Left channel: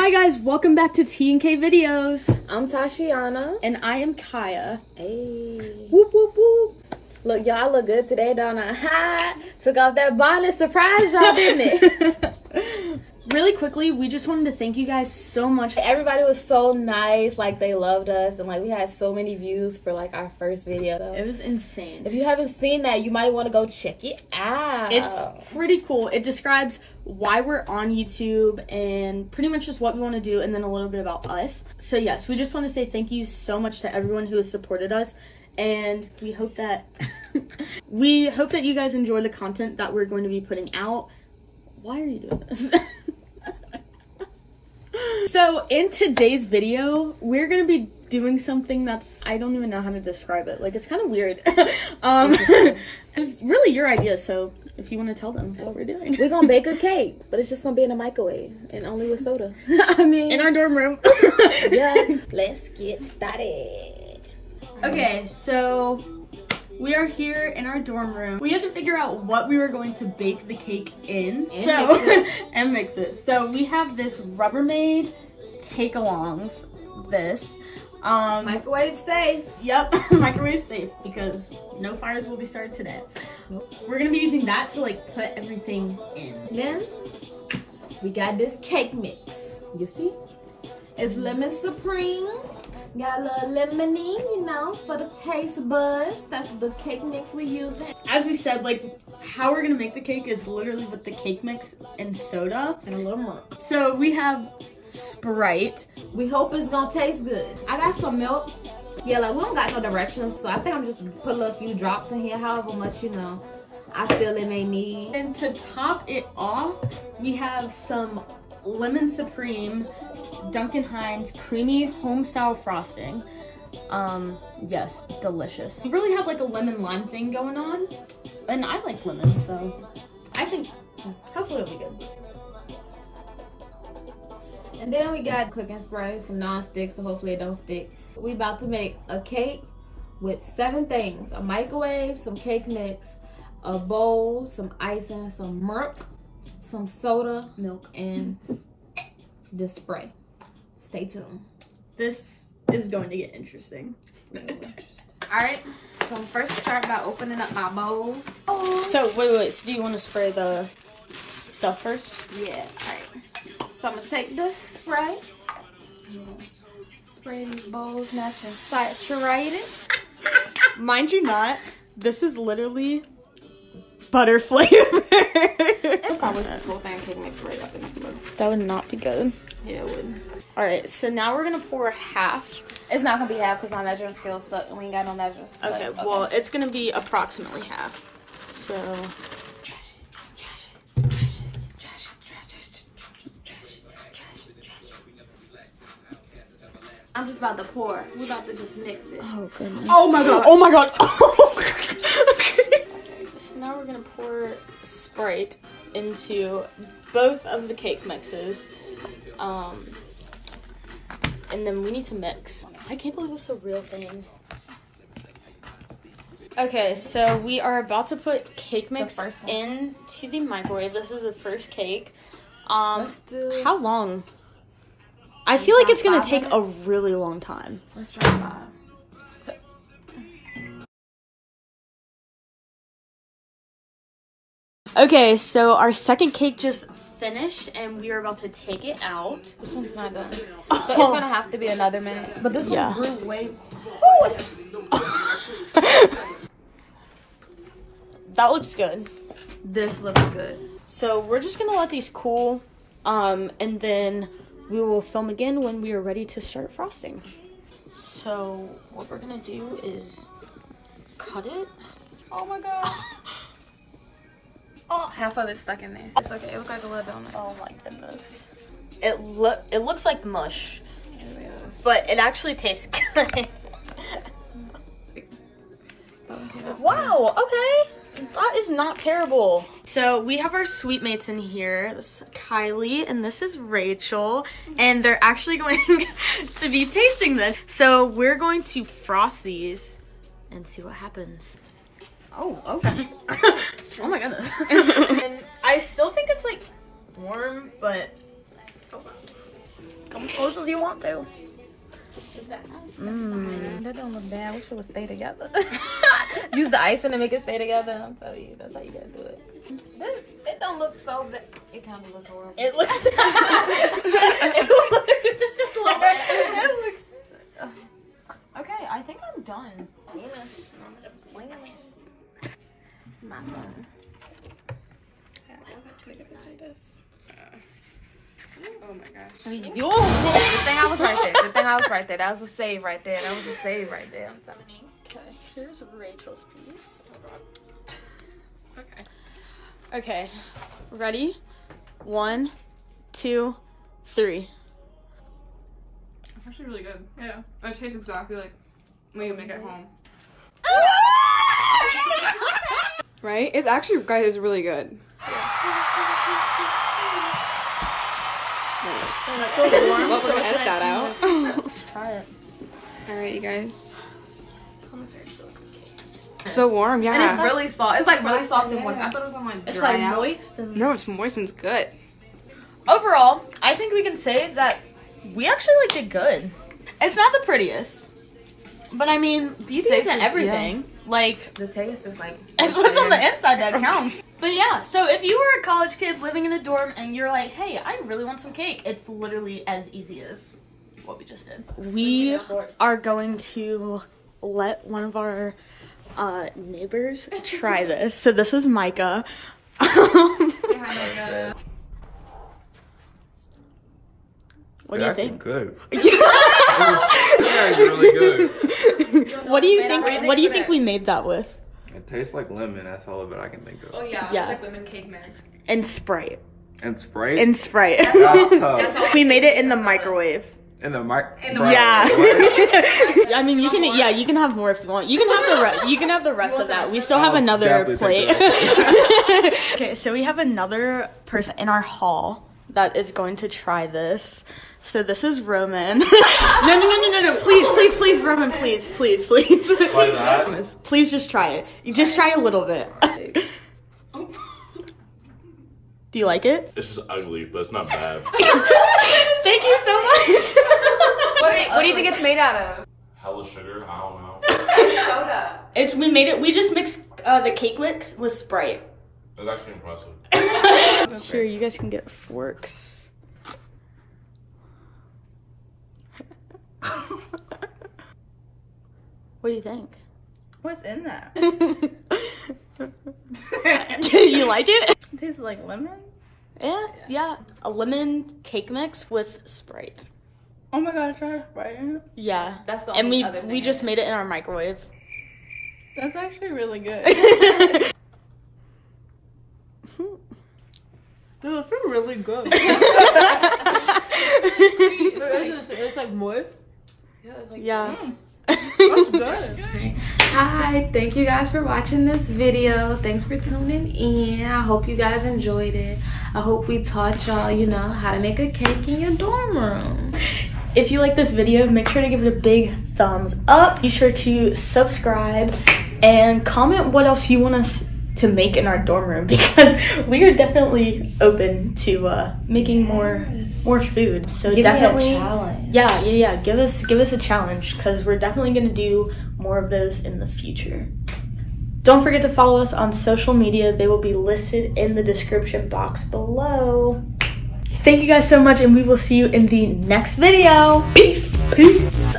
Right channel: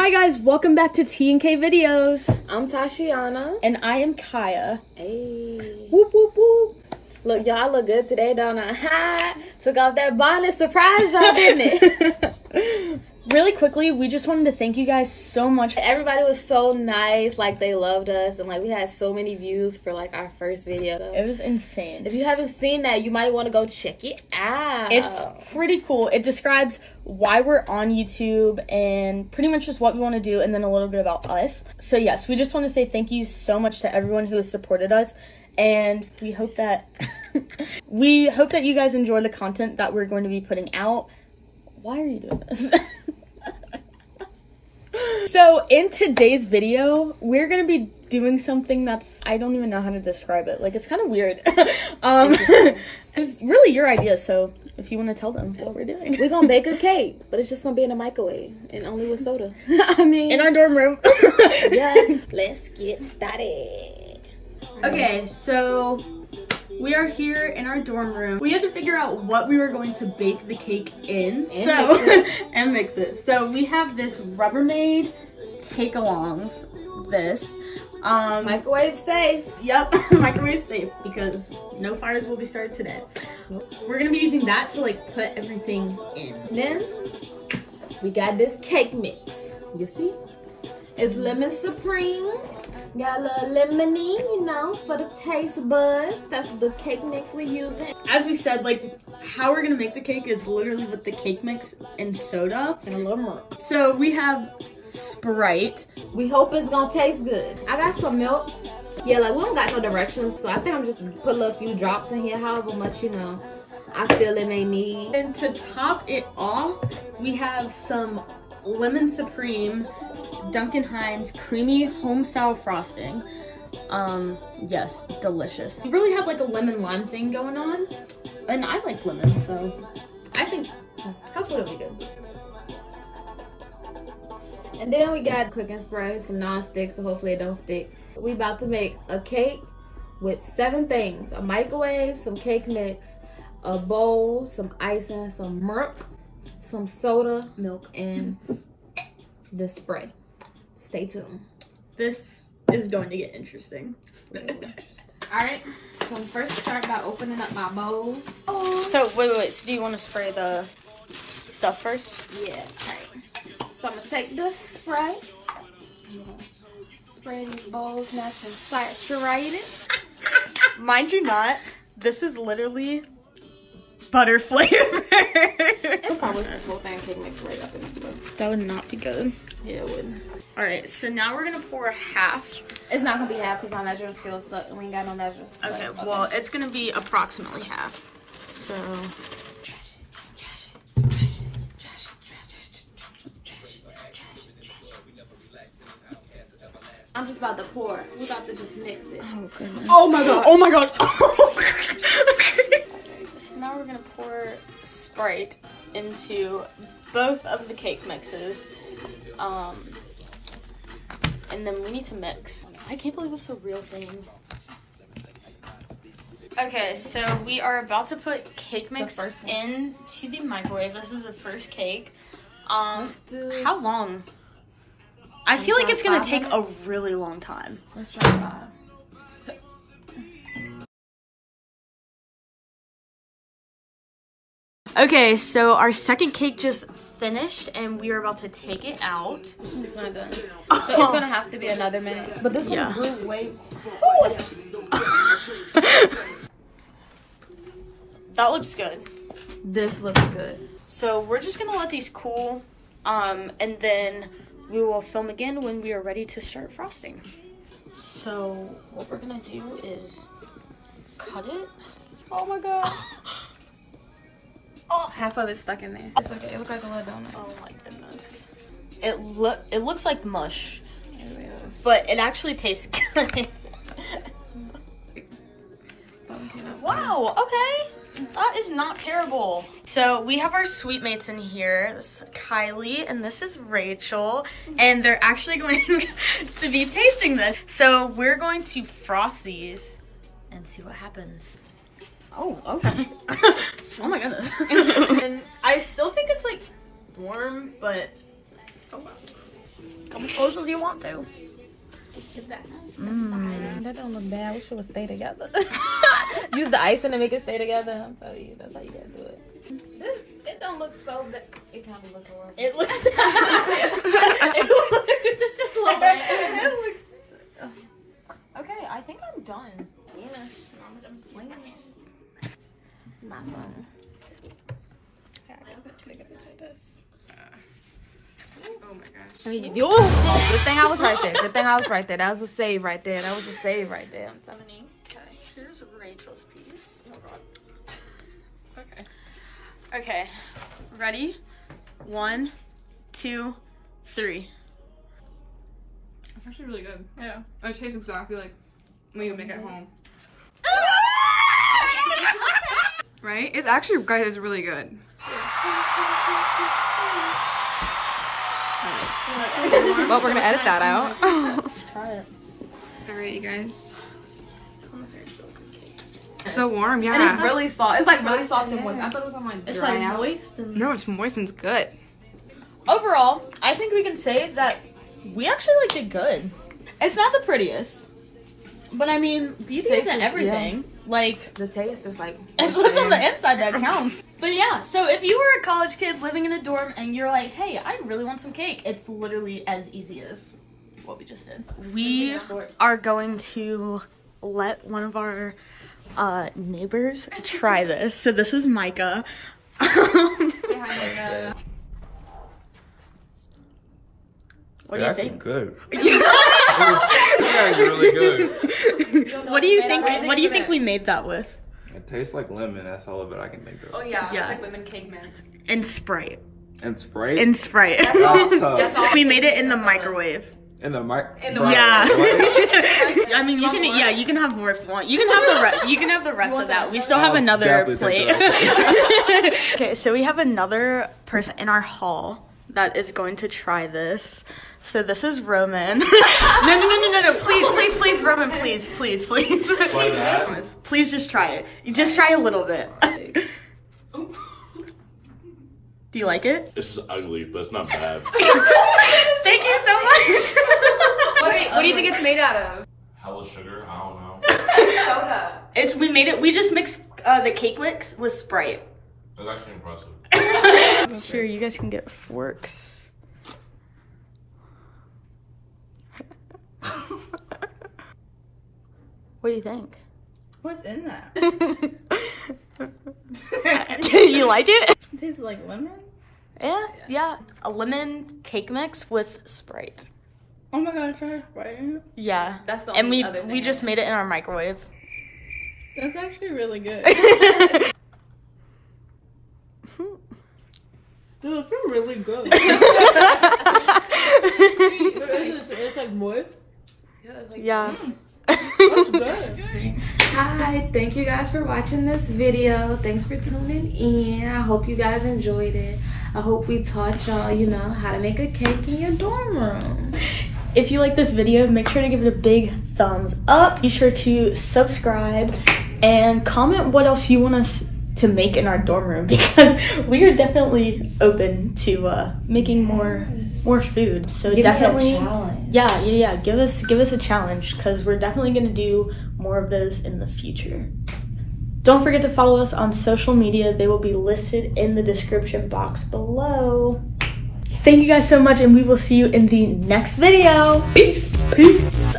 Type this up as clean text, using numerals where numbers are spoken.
Hi guys, welcome back to T&K Videos. I'm Tasheonna. And I am Kyia. Hey. Whoop whoop whoop. Look, y'all look good today, don't I? Ha! Took off that bonnet, surprised y'all, didn't it? Really quickly, we just wanted to thank you guys so much. Everybody was so nice, like they loved us, and like we had so many views for like our first video. It was insane. If you haven't seen that, you might want to go check it out. It's pretty cool. It describes why we're on YouTube and pretty much just what we want to do, and then a little bit about us. So yes, we just want to say thank you so much to everyone who has supported us, and we hope that you guys enjoy the content that we're going to be putting out. Why are you doing this? So in today's video, we're gonna be doing something that's, I don't even know how to describe it. Like, it's kind of weird. It's really your idea, so if you want to tell them what we're doing. We're gonna bake a cake, but it's just gonna be in a microwave and only with soda. I mean, in our dorm room. Yeah, let's get started. Okay, so we are here in our dorm room. We had to figure out what we were going to bake the cake in. And mix it. So we have this Rubbermaid take-alongs. This. Microwave safe. Yep, microwave safe, because no fires will be started today. We're gonna be using that to like put everything in. Then we got this cake mix. You see? It's lemon supreme. Got a little lemony, you know, for the taste buds. That's the cake mix we're using. As we said, like, how we're gonna make the cake is literally with the cake mix and soda. And a little milk. So we have Sprite. We hope it's gonna taste good. I got some milk. Yeah, like, we don't got no directions, so I think I'm just put a little few drops in here, however much, you know, I feel it may need. And to top it off, we have some Lemon Supreme Duncan Hines creamy home style frosting. Yes, delicious. We really have like a lemon lime thing going on, and I like lemon, so I think hopefully it'll be good. And then we got cooking spray, some non-stick, so hopefully it don't stick. We about to make a cake with 7 things: a microwave, some cake mix, a bowl, some icing, some milk, some soda, milk, and the spray. Stay tuned. This is going to get interesting. Alright, so I'm first start by opening up my bowls. So wait, so do you want to spray the stuff first? Yeah, alright. So I'm gonna take the spray. Spray these bowls nice and saturated. Mind you not, this is literally butter flavor. It's probably the whole thing could mix right up into it. That would not be good. Yeah, it wouldn't. Alright, so now we're gonna pour half. It's not gonna be half because my measuring scale sucks and we ain't got no measures. Okay, well, it's gonna be approximately half. So I'm just about to pour. We're about to just mix it. oh goodness. Oh my god, oh my god. So now we're gonna pour Sprite into both of the cake mixes. And then we need to mix. I can't believe this is a real thing. Okay, so we are about to put cake mix into the microwave. This is the first cake. How long? I feel like it's gonna take a really long time. Let's try 5. Okay, so our second cake just finished and we are about to take it out. It's not done. So it's gonna have to be another minute. But this one grew way. Ooh. That looks good. This looks good. So we're just gonna let these cool, and then we will film again when we are ready to start frosting. So what we're gonna do is cut it. Oh my god. Oh, half of it's stuck in there. It's okay. It looks like a little donut. Oh my goodness. It looks like mush, but it actually tastes good. Wow. Okay. That is not terrible. So we have our sweet mates in here. This is Kylie and this is Rachel, and they're actually going to be tasting this. So we're going to frost these and see what happens. Oh, okay. Oh my goodness. And I still think it's like warm, but Come as close as you want to. That don't look bad. We should have stayed together. Use the icing to make it stay together. I'm telling you, that's how you gotta do it. It don't look so bad. It kind of looks horrible. It looks. It looks. Okay, I think I'm done. My phone. Oh my gosh. The thing I was right there. That was a save right there. I'm telling you. Okay, here's Rachel's piece. Okay. Okay. Ready? 1, 2, 3. It's actually really good. Yeah. It tastes exactly like when you make it at home. Right? It's actually, guys, it's really good. Well, we're gonna edit that out. Try it. Alright, you guys. It's so warm, yeah. And it's really soft. It's like really soft and moist. I thought it was gonna like dry out. Moist. And... No, it's moist and it's good. Overall, I think we can say that we actually like it good. It's not the prettiest, but I mean, beauty isn't everything. Yeah. Like, The taste is like... it's what's on the inside that counts. But yeah, so if you were a college kid living in a dorm and you're like, hey, I really want some cake, it's literally as easy as what we just did. We are going to let one of our neighbors try this. So this is Micah. What do you think? Good. It's actually really good. What do you think? What do you think we made that with? It tastes like lemon. That's all of it I can think of. Oh yeah, Yeah. it's like lemon cake mix. And Sprite. And Sprite. And Sprite. That's tough. We made it in the microwave. In the mic. Yeah. I mean, you can. Yeah, you can have more if you want. You can have the rest. You can have the rest of that. We still have another plate. Okay, so we have another person in our hall that is going to try this. So this is Roman. No. Please, Roman, please. Please just try it. You just try a little bit. Do you like it? This is ugly, but it's not bad. Thank you so much. What do you think it's made out of? Hella sugar? I don't know. Soda. We just mixed the cake mix with Sprite. That's actually impressive. Here, you guys can get forks. What do you think? What's in that? You like it? It tastes like lemon. Yeah. A lemon cake mix with Sprite. Oh my god, try Sprite. Yeah. That's the and only other we thing. just made it in our microwave. That's actually really good. Dude, it feels really good. It's like moist. Yeah. That's good. Hi, thank you guys for watching this video. Thanks for tuning in. I hope you guys enjoyed it. I hope we taught y'all, you know, how to make a cake in your dorm room. If you like this video, make sure to give it a big thumbs up. Be sure to subscribe and comment what else you want us to make in our dorm room, because we are definitely open to making more food. So definitely, yeah, give us a challenge, because we're definitely gonna do more of those in the future. Don't forget to follow us on social media. They will be listed in the description box below. Thank you guys so much, and we will see you in the next video. Peace.